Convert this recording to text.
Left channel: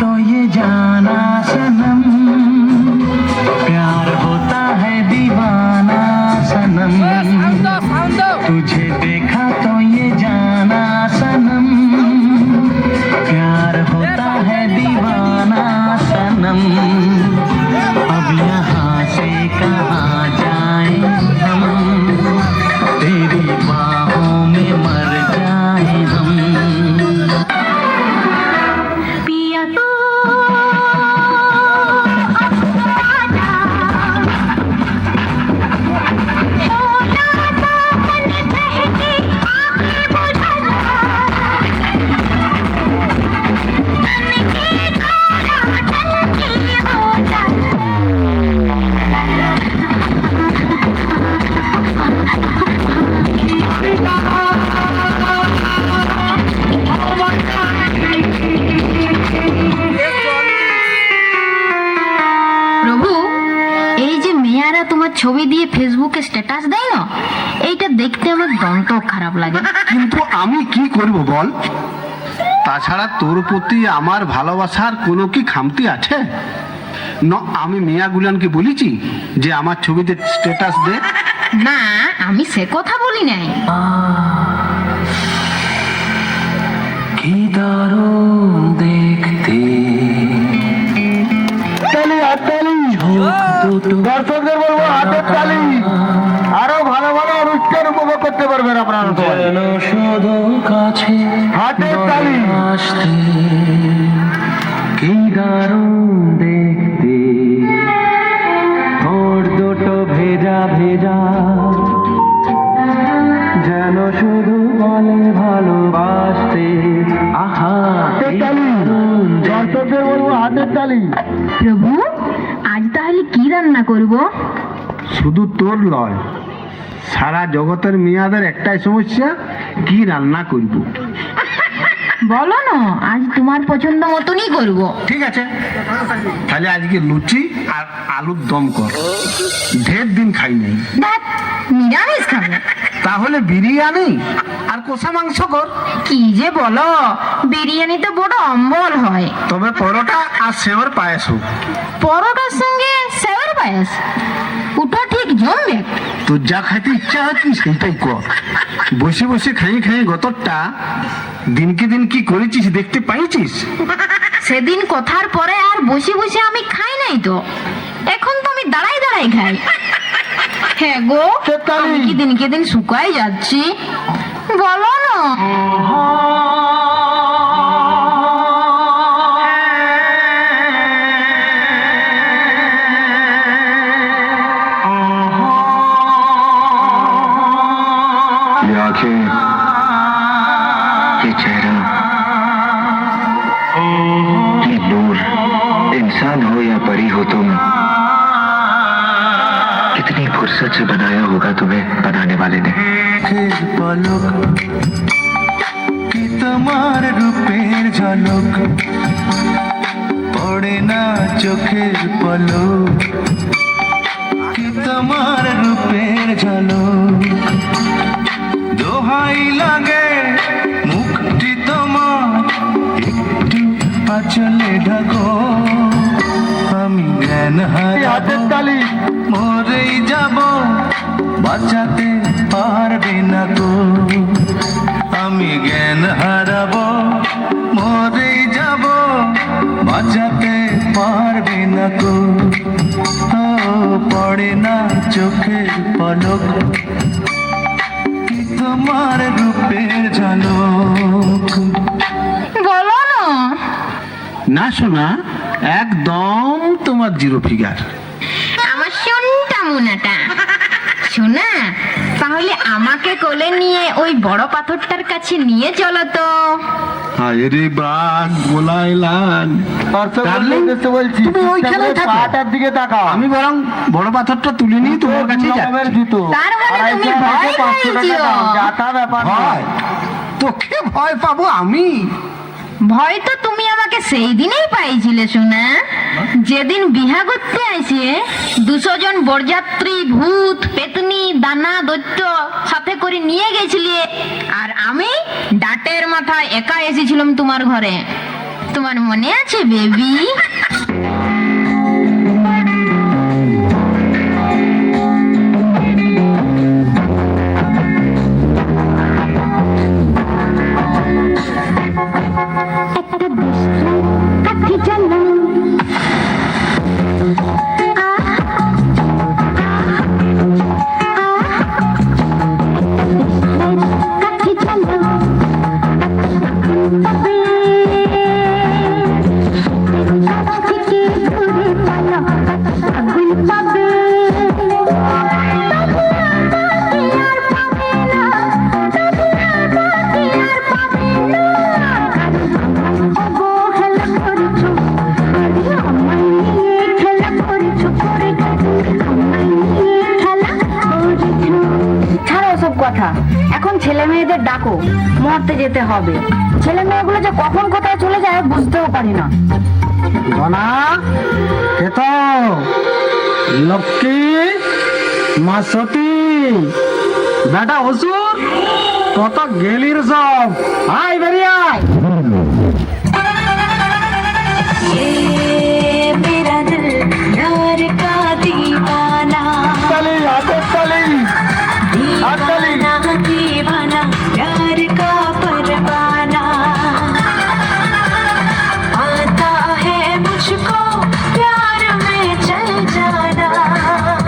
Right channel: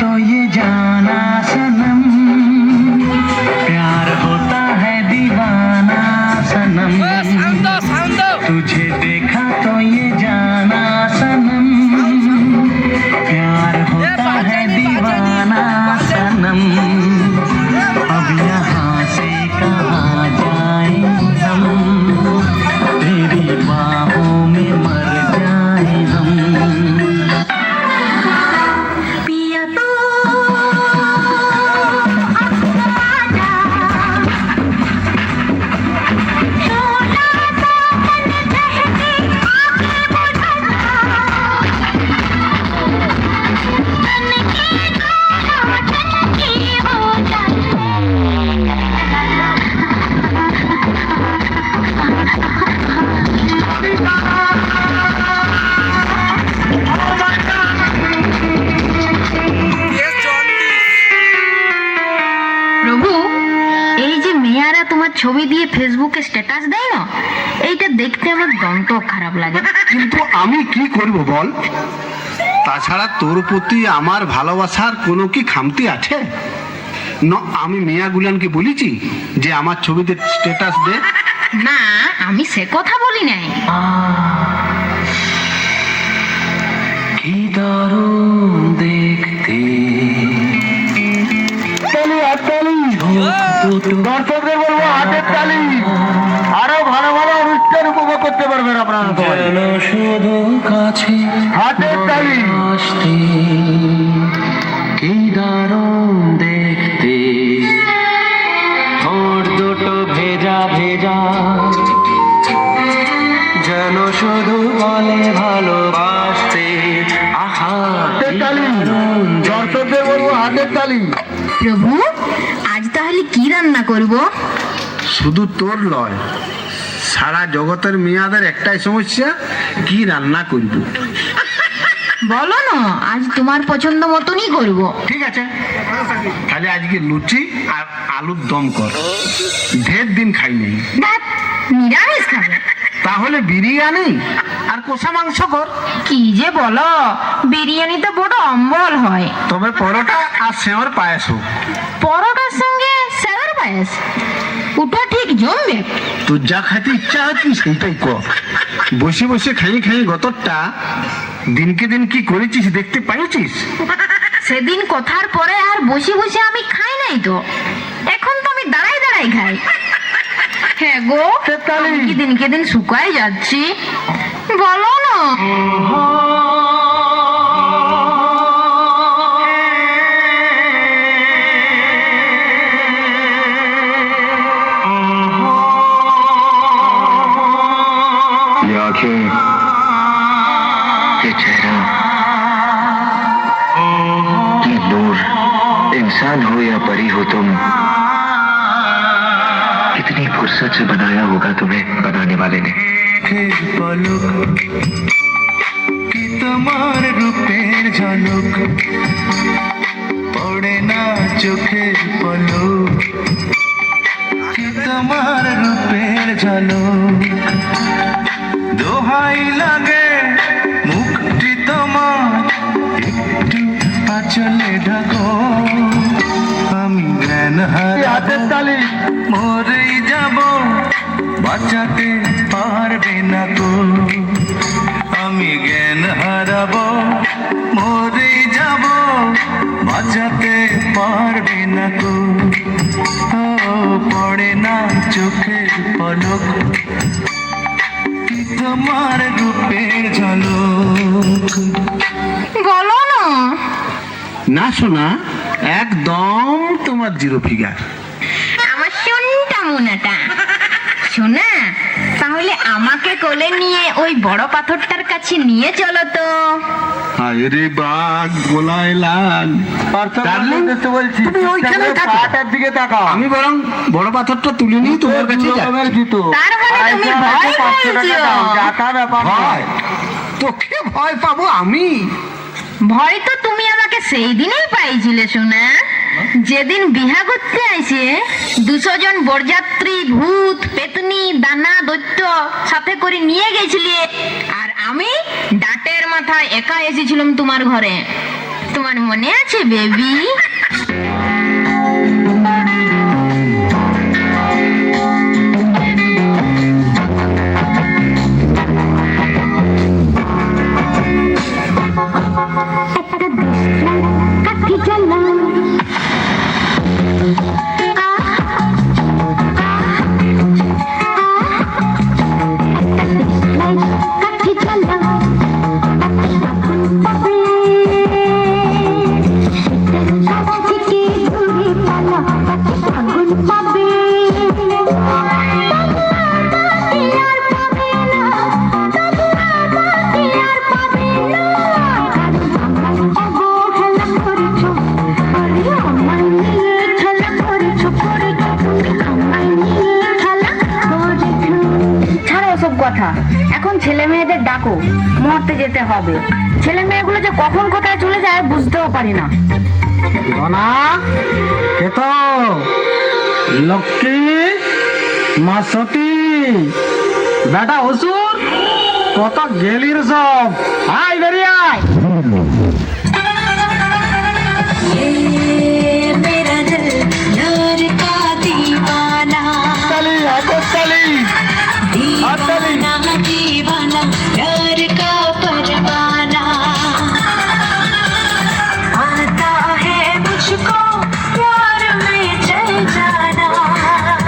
तो ये जाना सनम, प्यार होता है दीवाना सनम, तुझे देखा तो ये जाना सनम, प्यार होता है दीवाना सनम। अब यहाँ से कहाँ जाएं हम, तेरी बाहों में मर जाएं हम। पिया तो প্রভু, এই যে মেয়েরা তোমার ছবি দিয়ে ফেসবুকে স্ট্যাটাস দেয় না, এইটা দেখতে আমার দন্ত খারাপ লাগে। কিন্তু আমি কি করব বল? তাছাড়া তোর প্রতি আমার ভালোবাসার কোনো কি খামতি আছে? না, আমি মিয়া গুলানকে বলেছি যে আমার ছবিতে স্ট্যাটাস দে। না, আমি সে কথা বলি নাই। কি দারুণ দেখতে, দর্শকদের বলবো হাতের তালি, আরো ভালো ভালো অনুষ্ঠান উপভোগ করতে পারবেন আপনারা। যেন শুধু কাছে হাতের তালি। আসতে, কি দারুণ দেখতে, ঠোঁট দুটো ভেজা ভেজা, যেন শুধু বলে ভালোবাসতে। আহা, হাতের তালি। দর্শকদের বলবো হাতের তালি। প্রভু, আজ তাহলে কি রান্না করব? শুধু তোর লয়, সারা জগতের মেয়াদের একটাই সমস্যা, কি রান্না করব। বলো না, আজ তোমার পছন্দ মতনই করব। ঠিক আছে, তাহলে আজকে লুচি আর আলুর দম কর, ঢের দিন খাইনি। ধ্যাৎ, নিরামিষ খাবে? তাহলে বিরিয়ানি আর কষা মাংস কর। কি যে বলো, বিরিয়ানি তো বড় অম্বল হয়। তবে পরোটা আর সেওর পায়েস হোক। পরোটার সঙ্গে সেওর পায়েস, ওটা ঠিক জমবে। তোর যা খাইতে ইচ্ছা হয় তুই সেইটাই কর। বসে বসে খাই খাই গতরটা দিনকে দিন কি করেছিস দেখতে পাইছিস? সেদিন কথার পরে আর বসে বসে আমি খাই নাই তো, এখন তো আমি দাঁড়াই দাঁড়াই খাই। হ্যাঁ গো, আমি কি দিনকে দিন শুকাই যাচ্ছি? বলো না। ये आंखें, ये चेहरा, ये नूर, इंसान हो या परी हो तुम, कितनी फुर्सत से बनाया होगा तुम्हें बनाने वाले ने। পলক, কি তোমার রূপের ঝলক, পড়ে না চোখের পলক, কি তোমার রূপের ঝলক, দোহাই লাগে মুক্তি তোমার, একটু আঁচলে ঢাকো, আমি জ্ঞান হাতের হারাবো, তালি। মরেই যাব, বাঁচাতে পারবে না গো, আমি জ্ঞান হারাবো, মরেই যাব, বাঁচাতে পারবে না গো, ও পড়ে না চোখের পলক, কি তোমার রূপের ঝলক। বলো না। না শোনা, একদম তোমার জিরো ফিগার। আমার শোনটা মোনাটা। শোনা, তাহলে আমাকে কোলে নিয়ে ওই বড় পাথরটার কাছে নিয়ে চলো তো। আরে বাঘ গোলায় লাল, ডার্লিং, তুমি ওইখানে থাকো। আমি বরং বড় পাথরটা তুলে নিয়ে তোমার কাছে যাচ্ছি। তার মানে তুমি ভয় পেয়েছো? ভয়? তোকে ভয় পাবো আমি? ভয় তো তুমি আমাকে সেই দিনেই পাইছিলে সোনা, যেদিন বিহা করতে আইছে 200 জন বরযাত্রী, ভূত, পেতনি, দানা, দৈত্য সাথে করে নিয়ে গেছিলে, আর আমি ডাটের মাথায় একা এসেছিলাম তোমার ঘরে। তোমার মনে আছে বেবি? ছাড়ো ওসব কথা, এখন ছেলে মেয়েদের ডাকো, মরতে যেতে হবে। ছেলে মেয়েগুলো যে কখন কোথায় চলে যায় বুঝতেও পারি না। ধনা কে তো লক্ষ্মী মা সতী বেটা হসুর কত গেলির সব আয় বেরিয়ে আয়।